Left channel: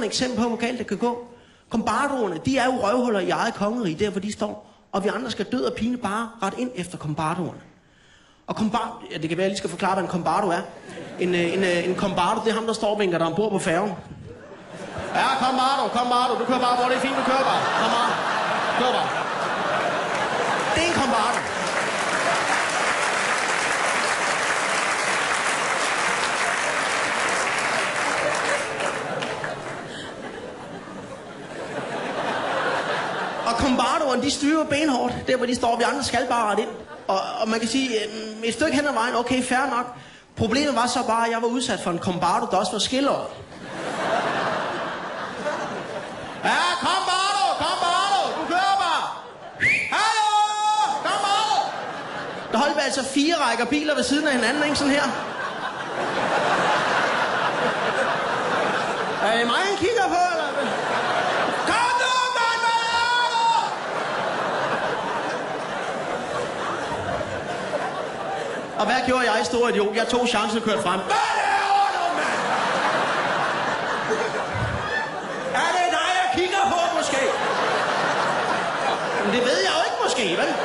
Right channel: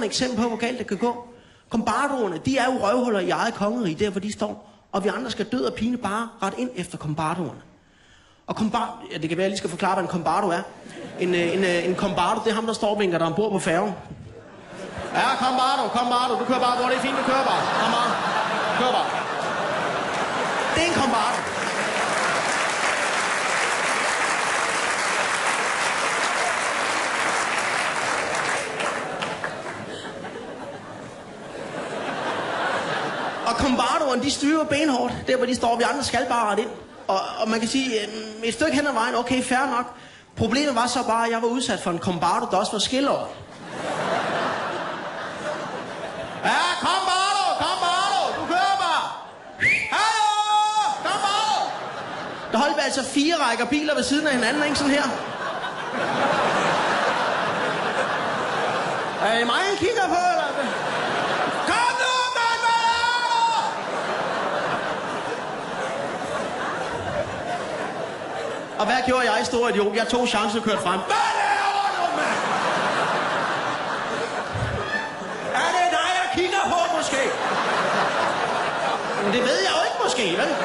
glimrende eksempel på, hvor galt det kan gå. Kombardoerne, de er jo røvhuller i eget kongerige, der hvor de står. Og vi andre skal død og pine bare ret ind efter kombardoerne. Og ja, det kan være, at jeg lige skal forklare, hvad en kombardo er. En kombardo, det er ham, der står og vinker, der ombord på færgen. Ja, kombardo, du kører bare, hvor det er fint, du kører bare. Kom bare, kør bare. Det er en kombardo. Og kombardoerne, de styrer benhårdt, der hvor de står, vi andre skal bare ret ind. Og man kan sige, et stykke hen ad vejen, okay, fair nok. Problemet var så bare, at jeg var udsat for en kombardo, der også var skilleret. Ja, kombardo, du kører bare. Hallo, kombardo. Der holdt vi altså 4 rækker biler ved siden af hinanden, ikke sådan her. Er det mig, han kigger på, eller? Kom nu, mand, hvad er du? Og hvad gjorde jeg, store idiot? Jeg tog chancen og kørte frem. Hvad laver du, mand? Er det dig, jeg kigger på, måske? Men det ved jeg jo ikke, måske, vel?